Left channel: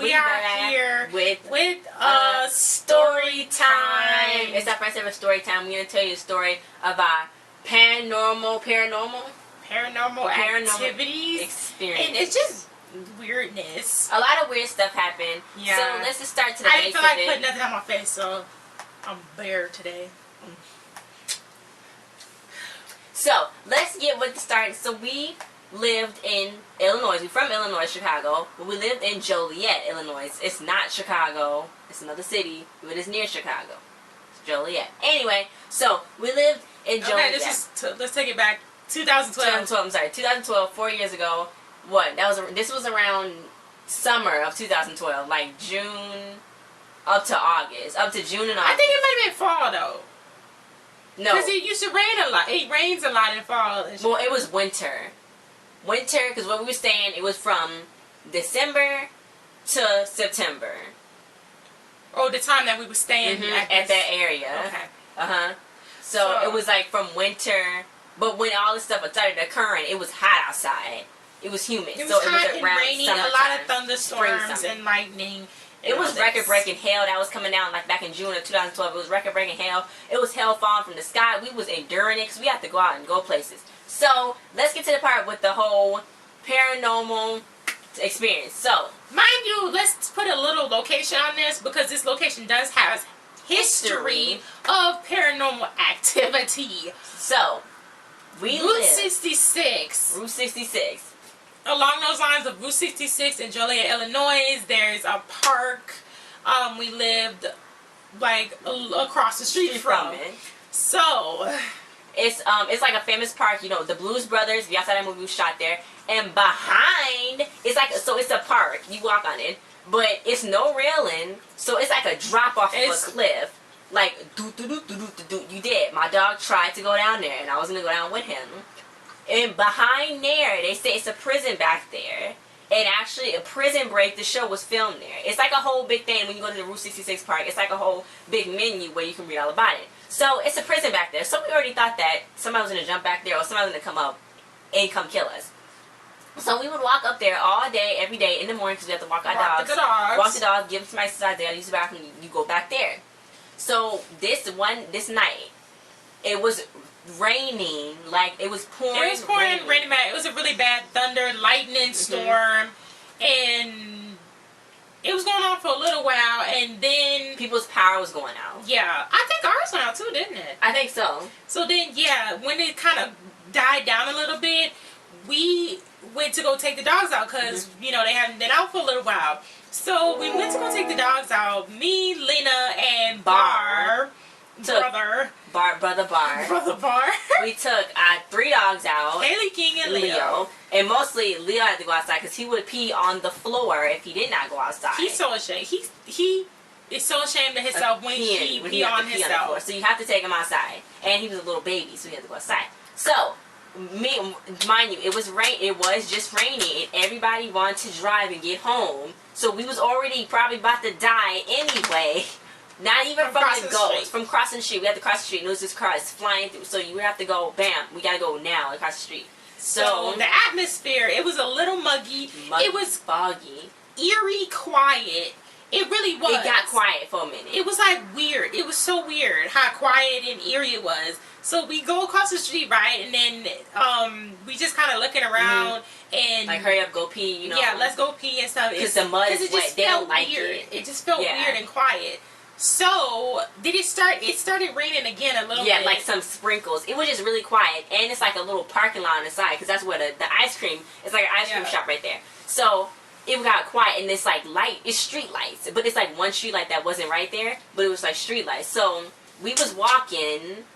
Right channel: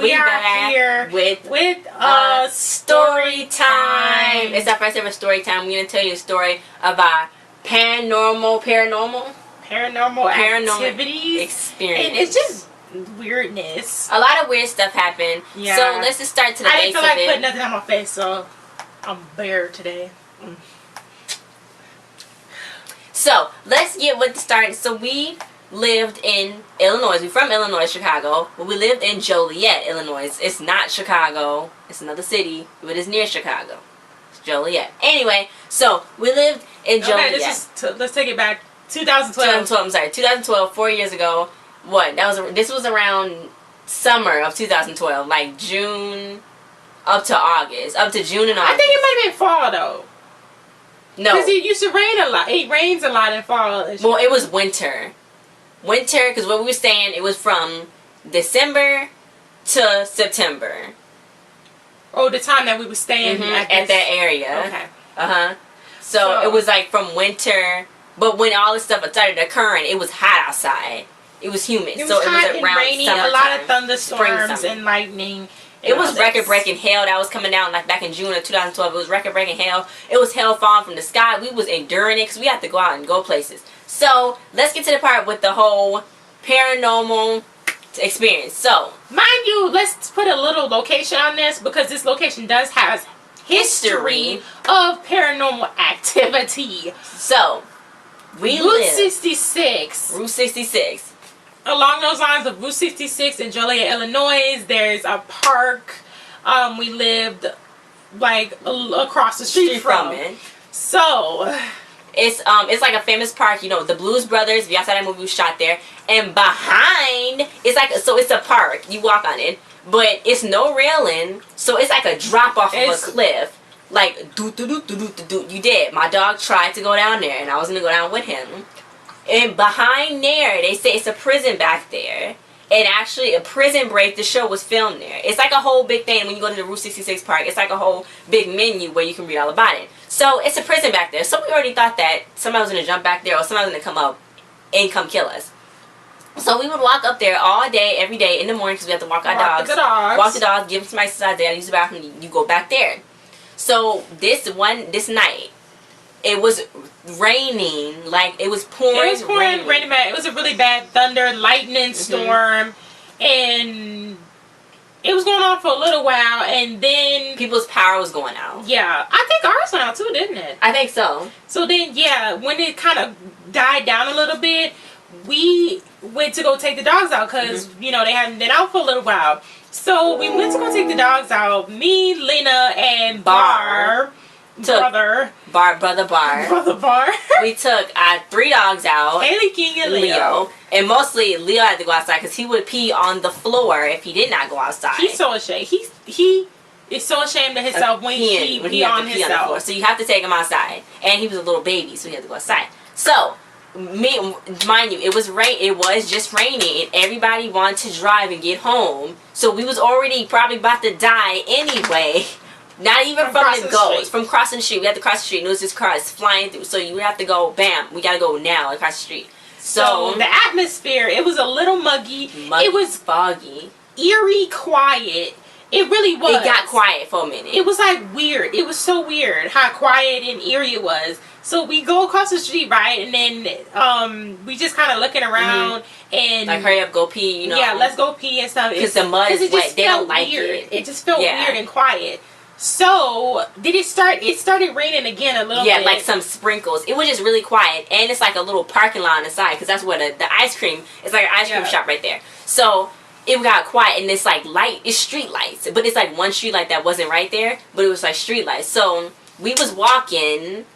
we are here with story time. It's our first ever story time. We're gonna tell you a story of our paranormal activities, experience, and it's just weirdness. A lot of weird stuff happened. Yeah. So let's just start to the base of it. I didn't feel like putting nothing on my face, so I'm bare today. So let's get with the start. So we lived in Illinois. We're from Illinois, Chicago, but we lived in Joliet, Illinois. It's not Chicago. It's another city, but it's near Chicago. It's Joliet. Anyway, so we lived in Joliet. Okay, let's take it back. 2012. I'm sorry, 2012. 4 years ago. What? This was around summer of 2012, like June up to August, up to June and August. I think it might have been fall though. No, because it used to rain a lot. It rains a lot in fall. Well, it was winter, because where we were staying, it was from December to September. Oh, the time that we were staying at that area. Okay. So it was like from winter, but when all this stuff started occurring, it was hot outside. It was humid. It was hot and rainy, a lot of thunderstorms and lightning. It was record-breaking hail that was coming down like back in June of 2012. It was record-breaking hail. It was hail falling from the sky. We was enduring it because we had to go out and go places. So let's get to the part with the whole paranormal experience. So, mind you, let's put a little location on this because this location does have history of paranormal activity. So, Route 66. Route 66. Along those lines of Route 66 in Joliet, Illinois, there's a park. We lived like across the street from it. So it's like a famous park. You know, the Blues Brothers. If y'all saw that movie, was shot there. And behind, it's a park. You walk on it, but it's no railing. So it's like a drop off of a cliff. Like you did. My dog tried to go down there, and I was gonna go down with him. And behind there, they say it's a prison back there. And actually, a Prison Break, the show, was filmed there. It's like a whole big thing when you go to the Route 66 park. It's like a whole big menu where you can read all about it. So, it's a prison back there. So, we already thought that somebody was going to jump back there or somebody was going to come up and come kill us. So, we would walk up there all day, every day in the morning because we have to walk our dogs. Walk the dogs, give them some exercise there, use the bathroom, you go back there. So, this night, it was raining, like it was pouring. It was pouring, raining bad. It was a really bad thunder, lightning storm, and it was going on for a little while, and then people's power was going out. Yeah, I think ours went out too, didn't it? I think so. So then, yeah, when it kind of died down a little bit, we went to go take the dogs out because you know they hadn't been out for a little while. So we went to go take the dogs out. Me, Lena, and Brother Bar. We took our 3 dogs out. Haley, King, and Leo. And mostly Leo had to go outside because he would pee on the floor if he did not go outside. He's so ashamed. He is so ashamed of himself when he pee on himself. So you have to take him outside. And he was a little baby, so he had to go outside. So, mind you, it was just raining, and everybody wanted to drive and get home. So we was already probably about to die anyway. Not even from the ghost. From crossing the street. We had to cross the street and it was just cars flying through. So you would have to go, bam, we got to go now across the street. So the atmosphere, it was a little muggy. It was foggy. Eerie quiet. It really was. It got quiet for a minute. It was like weird. It was so weird how quiet and eerie it was. So we go across the street, right? And then we just kind of looking around and like hurry up, go pee, you know. Yeah, let's go pee and stuff. Because the mud is wet. They don't like it. It just felt weird and quiet. So, did it start? It started raining again a little bit. Yeah, like some sprinkles. It was just really quiet. And it's like a little parking lot on the side because that's where the ice cream, it's like an ice cream shop right there. So, it got quiet and it's like light, it's street lights. But it's like one street light that wasn't right there, but it was like street lights. So, we was walking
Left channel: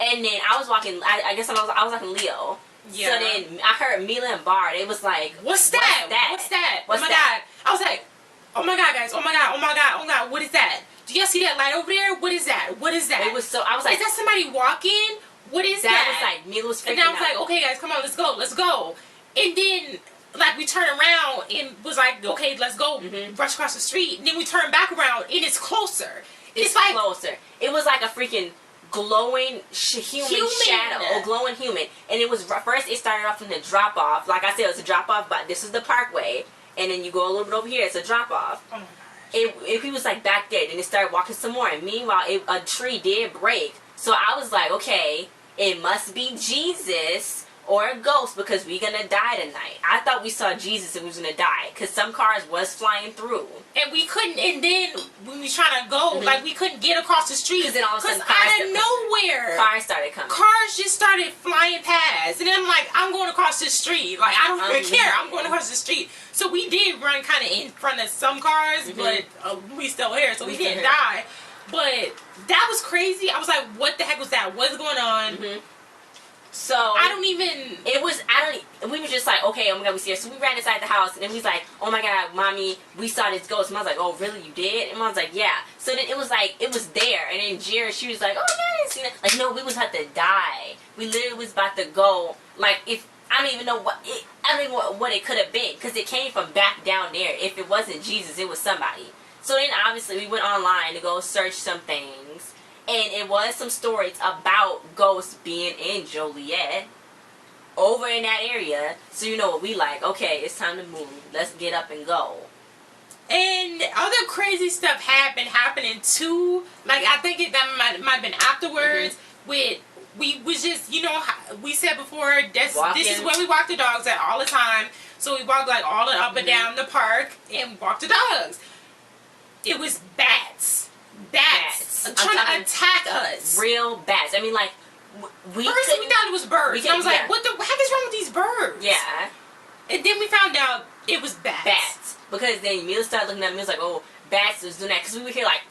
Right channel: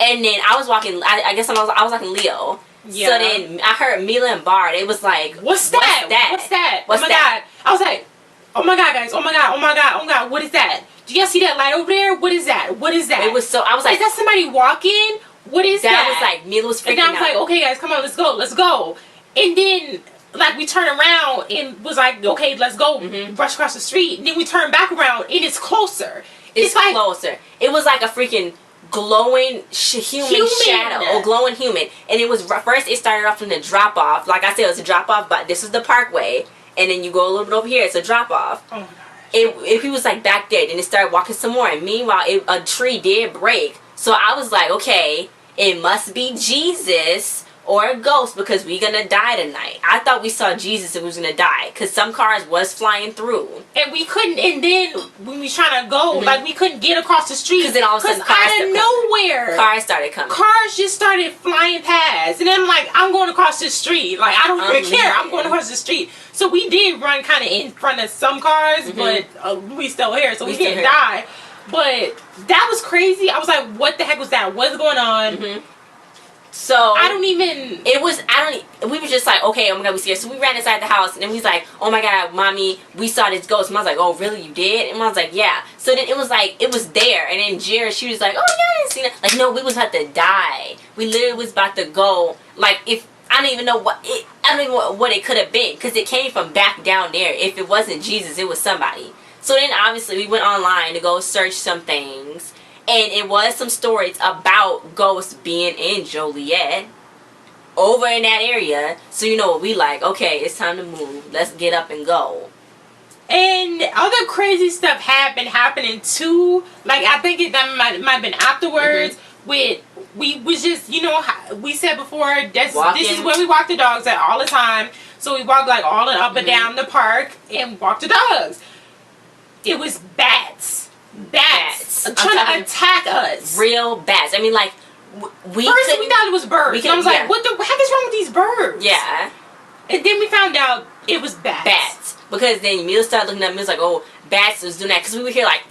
and then I was walking, I guess I was walking Leo. Yeah. So then I heard Mila and Bar, they was like, What's that? Oh my God. I was like, oh my God, guys. Oh my God. What is that? Do y'all see that light over there? What is that? It was so, I was like, is that somebody walking? What is that? That was like, Mila was freaking out. And I was like, okay guys, come on, let's go. And then, like, we turned around and was like, okay, let's go. Rush across the street. And then we turned back around and it's closer. It's like closer. It was like a freaking glowing human shadow. Or glowing human. And it was, first it started off from the drop off. Like I said, it was a drop off, but this is the parkway. and then you go a little bit over here. It's a drop off. Oh my gosh. If he was like back there, then it started walking some more. And meanwhile, a tree did break. So I was like, okay, it must be Jesus or a ghost because we gonna die tonight. I thought we saw Jesus and we was gonna die because some cars was flying through. And we couldn't, and then when we was trying to go, like we couldn't get across the street. Because then all of a sudden out of nowhere, cars started coming. Cars just started flying past. And then I'm like, I'm going across the street. Like, I don't even care. I'm going across the street. So we did run kind of in front of some cars, but we still here, so we didn't die. But that was crazy. I was like, what the heck was that? What's going on? So we were just like, okay, oh my god, we scared. So we ran inside the house and then we was like, oh my god, mommy, we saw this ghost. And I was like, oh really, you did? And I was like, yeah. So then it was like, it was there. And then Jared, she was like, oh yeah, I didn't see that. Like, no, we was about to die. We literally was about to go. Like, if I don't even know what it could have been because it came from back down there. If it wasn't Jesus, it was somebody. So then obviously we went online to go search some things. And it was some stories about ghosts being in Joliet over in that area. So you know what we like. Okay, it's time to move. Let's get up and go. And other crazy stuff had been happening too. Like, I think that might have been afterwards. We was just, you know, we said before, this is where we walk the dogs at all the time. So we walk like all up and down the park and walk the dogs. It was bats. Bats trying to attack us. Real bats. I mean, like, we thought it was birds. And I was like, what the heck is wrong with these birds? Yeah. And then we found out it was bats. Bats. Because then Mila started looking at me. It was like, oh, bats was doing that. Because we would hear, like,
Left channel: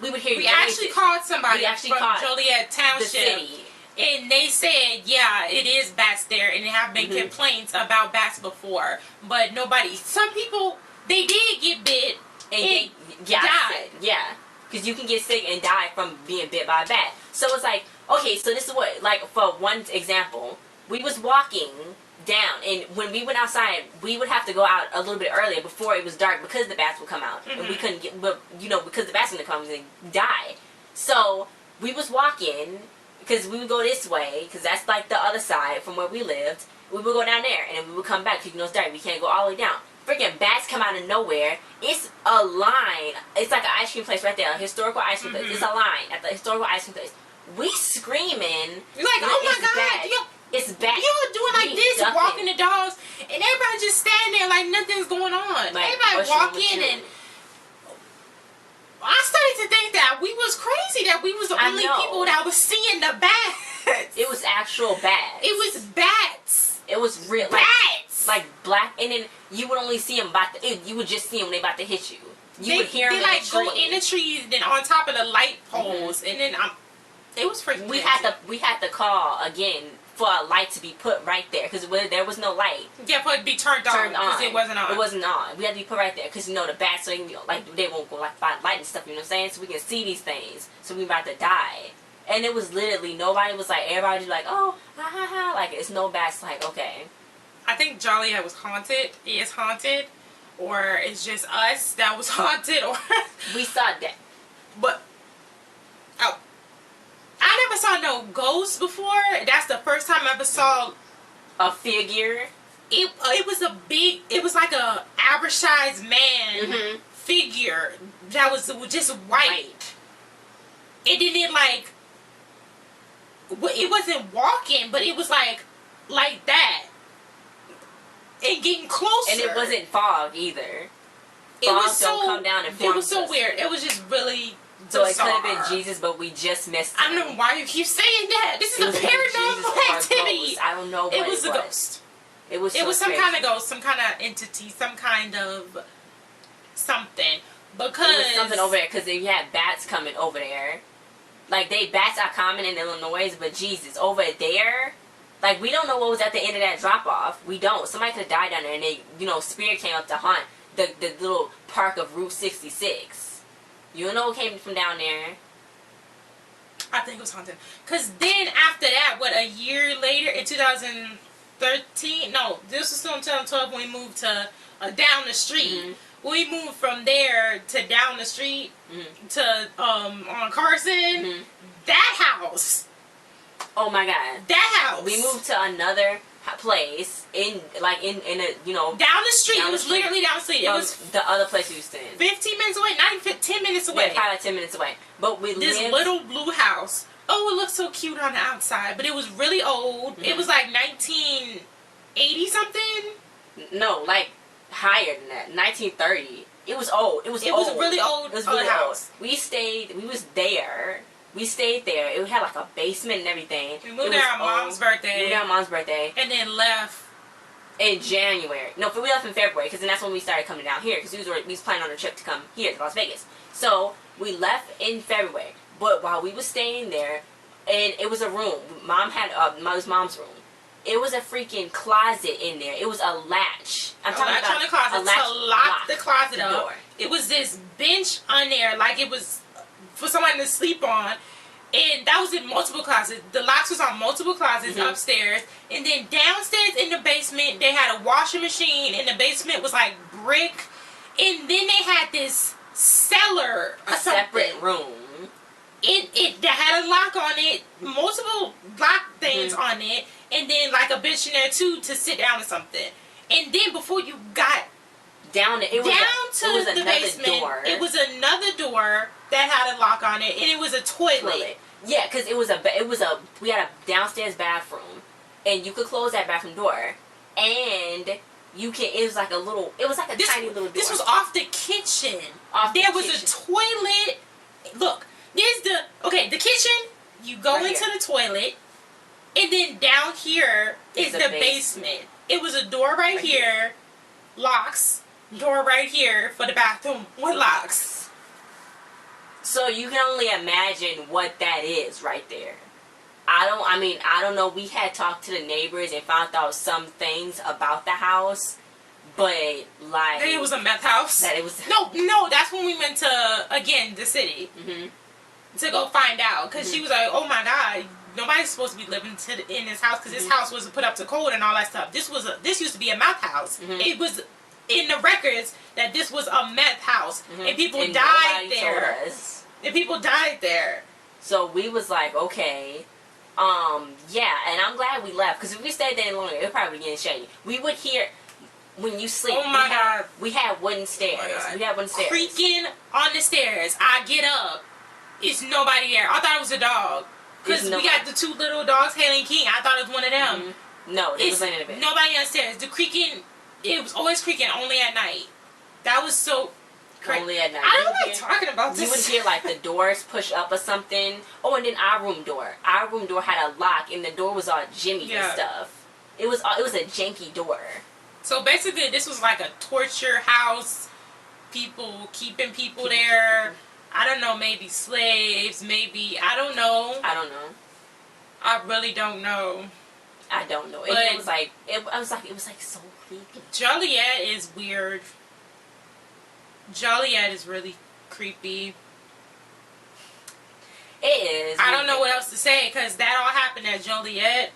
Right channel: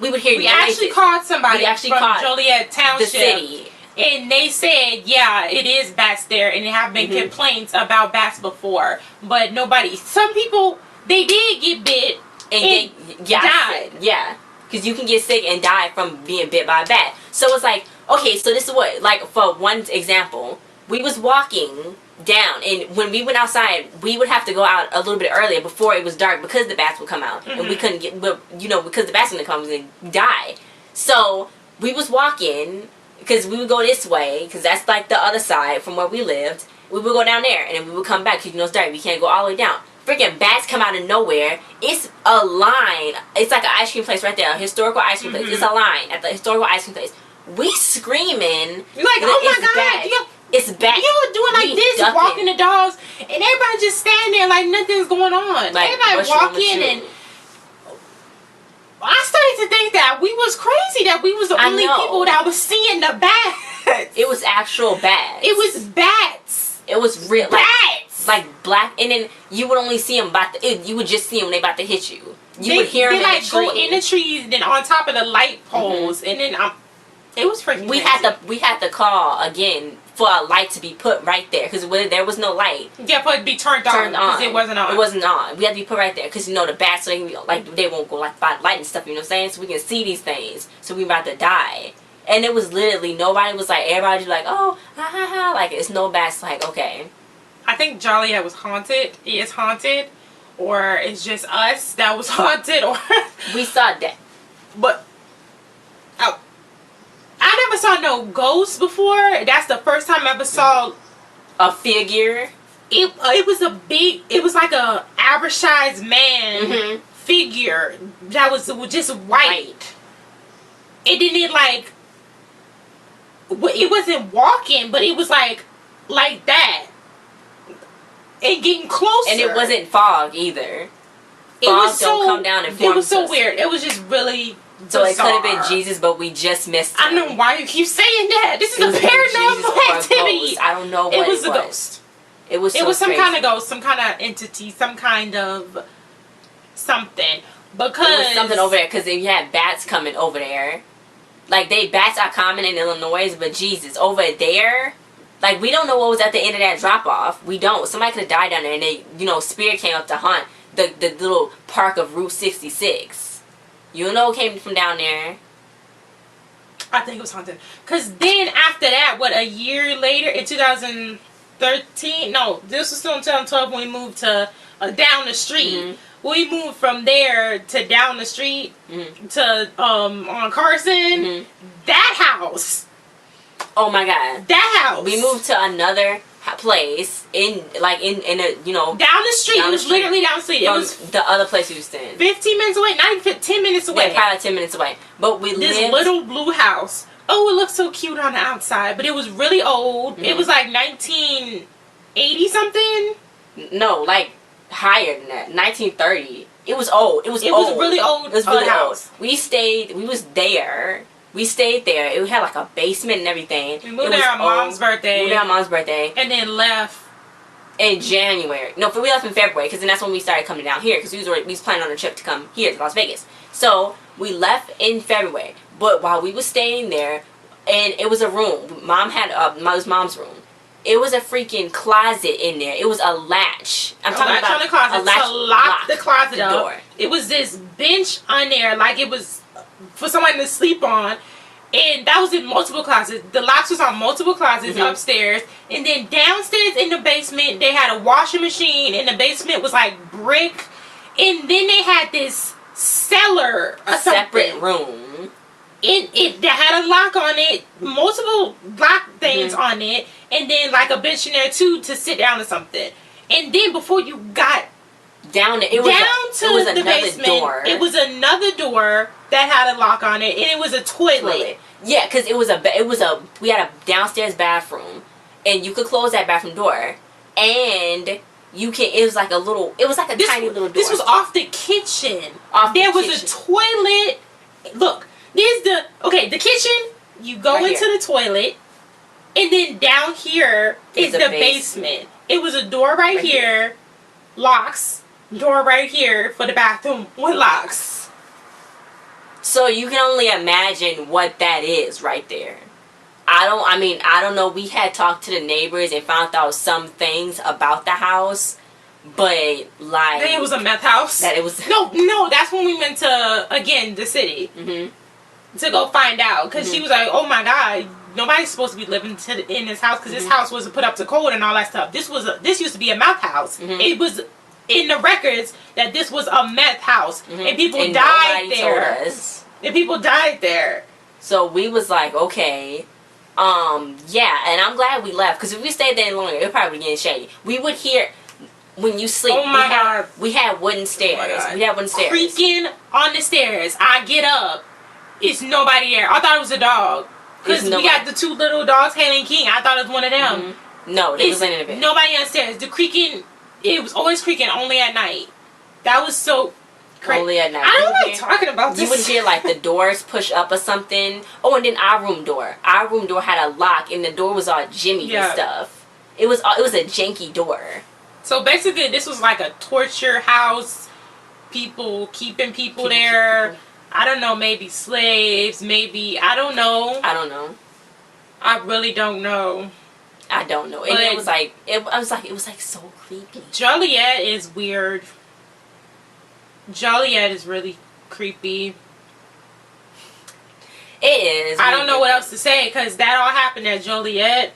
we actually called somebody from Joliet Township. The city. And they said, yeah, it is bats there. And there have been complaints about bats before. But some people, they did get bit. And died. Yeah. Because you can get sick and die from being bit by a bat. So it's like, okay, so this is what, like, for one example, we was walking down, and when we went outside, we would have to go out a little bit earlier before it was dark because the bats would come out. And we couldn't get, because the bats would come and die. So we was walking, because we would go this way, because that's like the other side from where we lived. We would go down there, and then we would come back, because it's dark. We can't go all the way down. Freaking bats come out of nowhere. It's a line. It's like an ice cream place right there. A historical ice cream place. It's a line at the historical ice cream place. We screaming. You're like, oh my god. It's bats. You're doing like this, walking the dogs, and everybody just standing there like nothing's going on. Like, everybody walking, and I started to think that we was crazy, that we was the only people that was seeing the bats. It was actual bats. It was bats. It was real. Bats. Like black, and then you would only see them you would just see them when they about to hit you. You would hear them like go in the trees, then on top of the light poles, and then it was freaking. We had to call again for a light to be put right there because there was no light. Yeah, for it to be turned on because it wasn't on. It wasn't on. We had to be put right there because the bats they won't go like by light and stuff. You know what I'm saying? So we can see these things. So we about to die. And it was literally nobody was like everybody was like oh ha ha ha like it's no bats like okay. I think Joliet was haunted. Is haunted, or it's just us that was haunted, or we saw that. But I never saw no ghosts before. That's the first time I ever saw a figure. It was a big. It was like a average sized man figure that was just white. It didn't like. It wasn't walking, but it was like that. And getting closer. And it wasn't fog either. Fog don't come down and form. It was so weird. It was just really so bizarre. It could have been Jesus, but we just missed him. I don't know why you keep saying that. This is a paranormal activity. I don't know what it was. It was a ghost. It was some kind of ghost, some kind of entity, some kind of something. Because it was something over there. Because you had bats coming over there. Like, bats are common in Illinois, but Jesus, over there... Like, we don't know what was at the end of that drop-off. We don't. Somebody could have died down there, and Spirit came up to hunt the little park of Route 66. You know what came from down there? I think it was haunted. Because then, after that, a year later, in 2013... No, this was still in 2012 when we moved to down the street. We moved from there to down the street to, on Carson. That house... Oh my god. That house. We moved to another place in a down the street. It was literally down the street. It was the other place we was staying. 15 minutes away, not even 10 minutes away. Yeah, probably like 10 minutes away. But we this lived little blue house. Oh, it looked so cute on the outside, but it was really old. Mm-hmm. It was like 1980 something. No, like higher than that. 1930. It was old. It was really old. It was really house. Old. We stayed there. It had like a basement and everything. We moved there on Mom's birthday. Moved there on Mom's birthday. And then left in January. No, we left in February because then that's when we started coming down here because we was planning on a trip to come here to Las Vegas. So we left in February. But while we was staying there, and it was a room. Mom had Mom's room. It was a freaking closet in there. It was a latch. I'm talking about on the closet. A latch to lock the closet up. Door. It was this bench on there, like it was for someone to sleep on. And that was in multiple closets. The locks was on multiple closets upstairs. And then downstairs in the basement, they had a washing machine. And the basement was like brick. And then they had this cellar. A separate room. It that had a lock on it. Multiple lock things on it. And then like a bench in there too to sit down or something. And then before you got down to the basement, door. It was another door that had a lock on it, and it was a toilet. Yeah, because we had a downstairs bathroom, and you could close that bathroom door, and it was like a tiny little door. This was off the kitchen. There was a toilet. Look, there's the kitchen. You go into the toilet, and then down here is the basement. It was a door right here, locks. Door right here for the bathroom with locks. So you can only imagine what that is right there. I don't know. We had talked to the neighbors and found out some things about the house, but like that it was a meth house. That it was no. That's when we went to the city to go find out because she was like, "Oh my God, nobody's supposed to be living in this house because this house wasn't put up to code and all that stuff. This used to be a meth house. It was." In the records that this was a meth house and people died there. And people died there. So we was like, okay, yeah, and I'm glad we left because if we stayed there longer, it probably would get shady. We would hear when you sleep. Oh my God! We had wooden stairs. We had wooden stairs. Creaking on the stairs. I get up. It's nobody there. I thought it was a dog because we got the two little dogs, Haley and King. I thought it was one of them. No, they was in the bed. Nobody upstairs. The creaking. It was always creaking only at night. That was so crazy. Only at night. I don't like talking about this. You would hear like the doors push up or something. Oh, and then our room door. Our room door had a lock, and the door was all jimmy and stuff. It was a janky door. So basically, this was like a torture house. People keeping people there. I don't know. Maybe slaves. Maybe I don't know. I really don't know. I don't know. And it was like so creepy. Joliet is weird. Joliet is really creepy. It is. I don't know what else to say because that all happened at Joliet.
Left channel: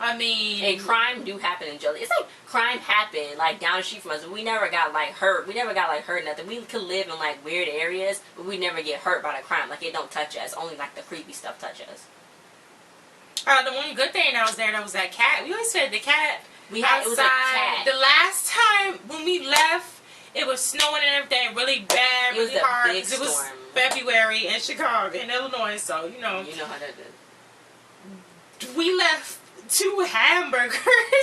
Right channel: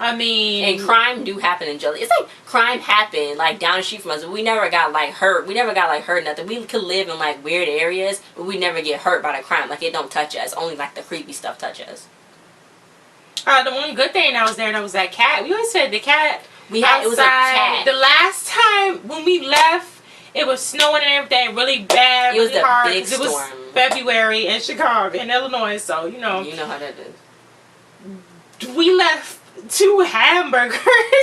I mean, and crime do happen in Joliet. It's like crime happened like down the street from us, but we never got like hurt. We never got like hurt nothing. We could live in like weird areas, but we never get hurt by the crime. Like it don't touch us. Only like the creepy stuff touch us. The one good thing that was there, that was that cat. We always said the cat. It was a cat. The last time when we left, it was snowing and everything really bad, really hard. Big storm. It was February in Chicago, in Illinois, so you know. You know how that is. We left 2 hamburgers.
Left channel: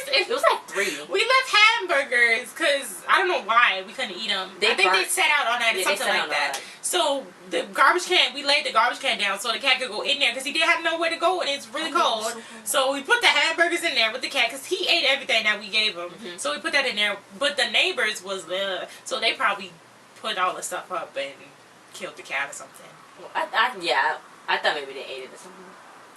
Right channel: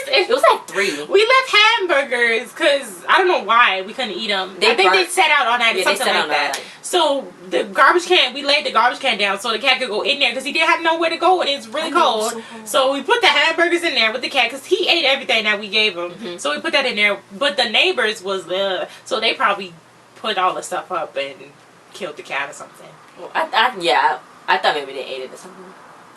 It was like 3. We left hamburgers because I don't know why we couldn't eat them. I think they set out on that or something like that. So the garbage can, we laid the garbage can down so the cat could go in there because he didn't have nowhere to go and it's really cold. So we put the hamburgers in there with the cat because he ate everything that we gave him. So we put that in there. But the neighbors was there, so they probably put all the stuff up and killed the cat or something. Well, I thought maybe they ate it or something.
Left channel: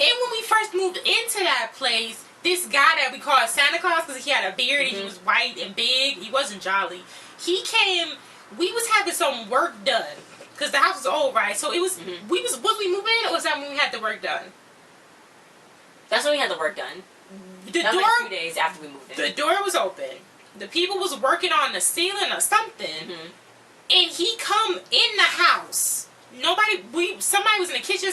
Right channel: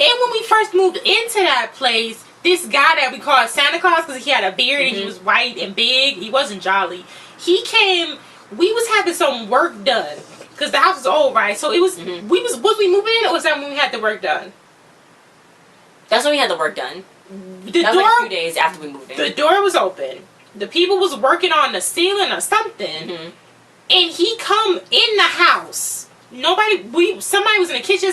And when we first moved into that place, this guy that we called Santa Claus because he had a beard and he was white and big, he wasn't jolly. He came, we was having some work done because the house was old, right? So it was, was we moving in or was that when we had the work done? That's when we had the work done. The that door, was like 2 days after we moved in. The door was open. The people was working on the ceiling or something. And he come in the house somebody was in the kitchen.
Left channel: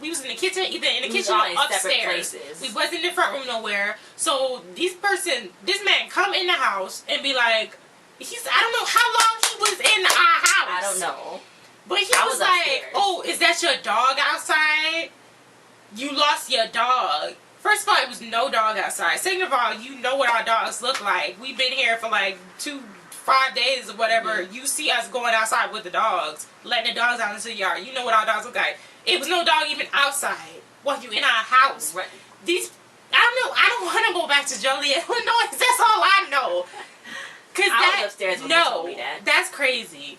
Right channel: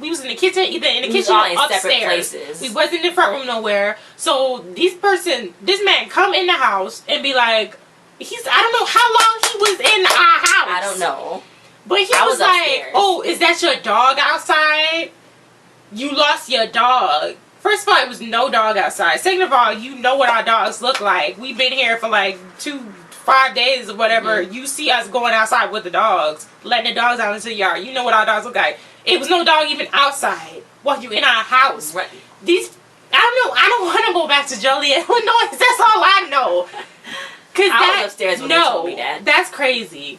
We was in the kitchen, either in the kitchen all or in separate upstairs. places. We wasn't in the front room nowhere. So this man come in the house and be like, I don't know how long he was in our house. I don't know. But he was like, upstairs. "Oh, is that your dog outside? You lost your dog." First of all, it was no dog outside. Second of all, you know what our dogs look like. We've been here for like 5 days or whatever. You see us going outside with the dogs, letting the dogs out into the yard. You know what our dogs look like. It was no dog even outside while you in our house. Right. I don't know. I don't want to go back to Joliet, Illinois. That's all I know. I was upstairs when they told me that. That's crazy.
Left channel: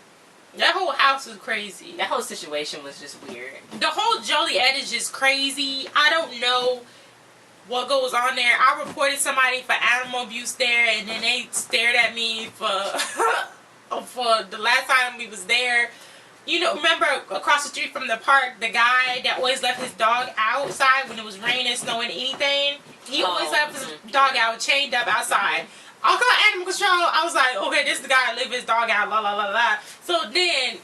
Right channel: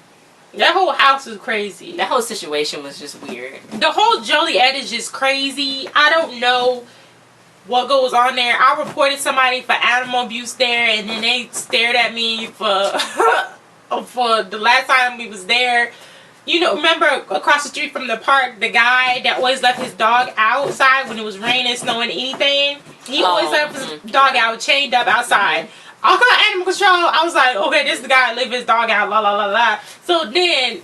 That whole house was crazy. That whole situation was just weird. The whole Joliet is just crazy. I don't know what goes on there. I reported somebody for animal abuse there, and then they stared at me for for the last time we was there. You know, remember across the street from the park, the guy that always left his dog outside when it was raining, snowing, anything? He always left his dog out, chained up outside. I'll call animal control. I was like, okay, this is the guy that leave his dog out, la la la la. So then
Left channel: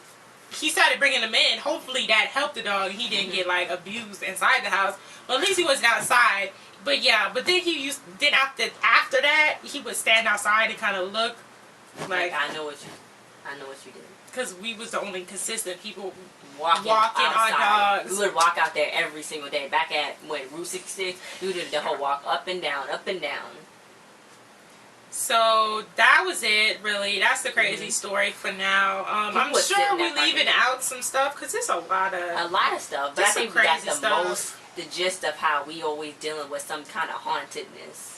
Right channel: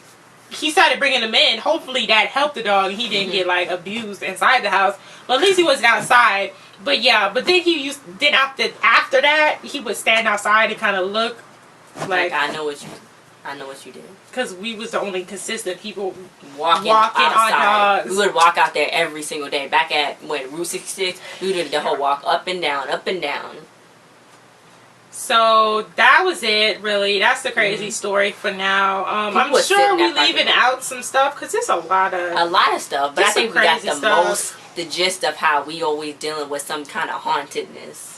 he started bringing him in. Hopefully that helped the dog. He didn't get like abused inside the house, but at least he wasn't outside. But yeah, but then after that he would stand outside and kind of look like I know what you did. Because we was the only consistent people walking our dogs. We would walk out there every single day. Back at Route 66, we did the whole walk up and down, up and down. So that was it, really. That's the crazy story for now. I'm sure we're leaving out some stuff because it's a lot of stuff. But I think we got the gist of how we always dealing with some kind of hauntedness.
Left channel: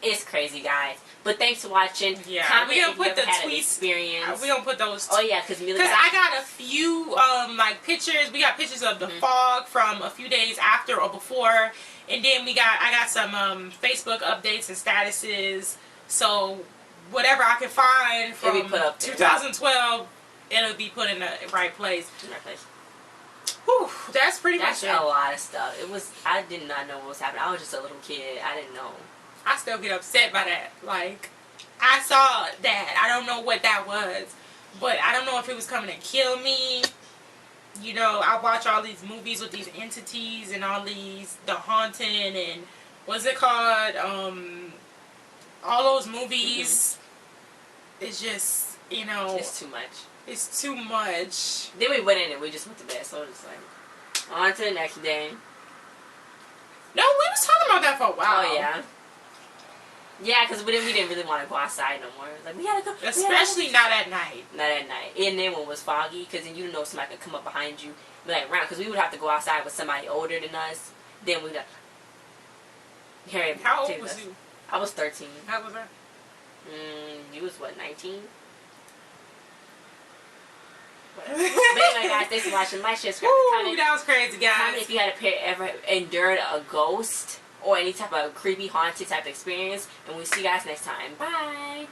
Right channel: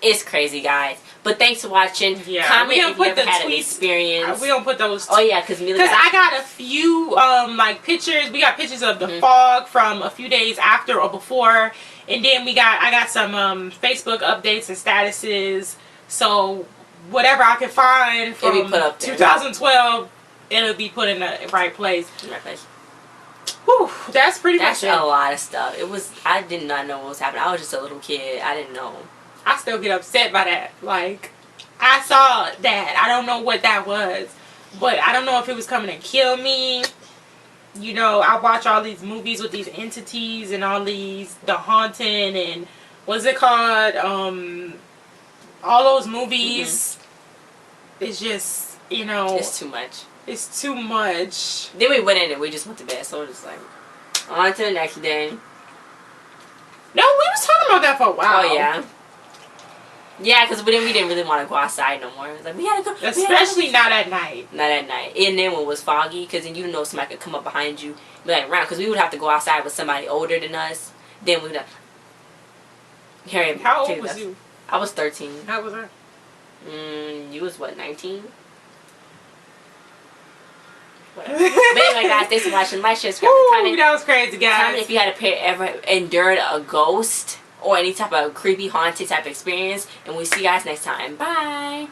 It's crazy, guys. But thanks for watching. Yeah, comment if you ever had an experience. We gonna put those. Oh yeah, because I got a few like pictures. We got pictures of the fog from a few days after or before, and then I got some Facebook updates and statuses. So whatever I can find from 2012, it'll be put in the right place. Whew, that's pretty much it. That's a lot of stuff. I did not know what was happening. I was just a little kid. I didn't know. I still get upset by that. Like, I saw that. I don't know what that was. But I don't know if it was coming to kill me. You know, I watch all these movies with these entities and all the haunting and what's it called? All those movies. It's just, you know. It's too much. It's too much. Then we went in and we just went to bed. So it was like, on to the next day. No, we was talking about that for a while. Oh, yeah. Yeah, because we didn't really want to go outside no more. It was like, we had to go. Especially not at night. Not at night. And then when it was foggy, because then you didn't know if somebody could come up behind you, be like, around. Because we would have to go outside with somebody older than us. Then we would have... How old was you? I was 13. How was I? You was what, 19? Whatever. But anyway, guys, thanks for watching. Like, share, subscribe, comment. That was crazy, guys. Comment if you had ever endured a ghost or any type of creepy, haunted type experience. And we'll see you guys next time. Bye.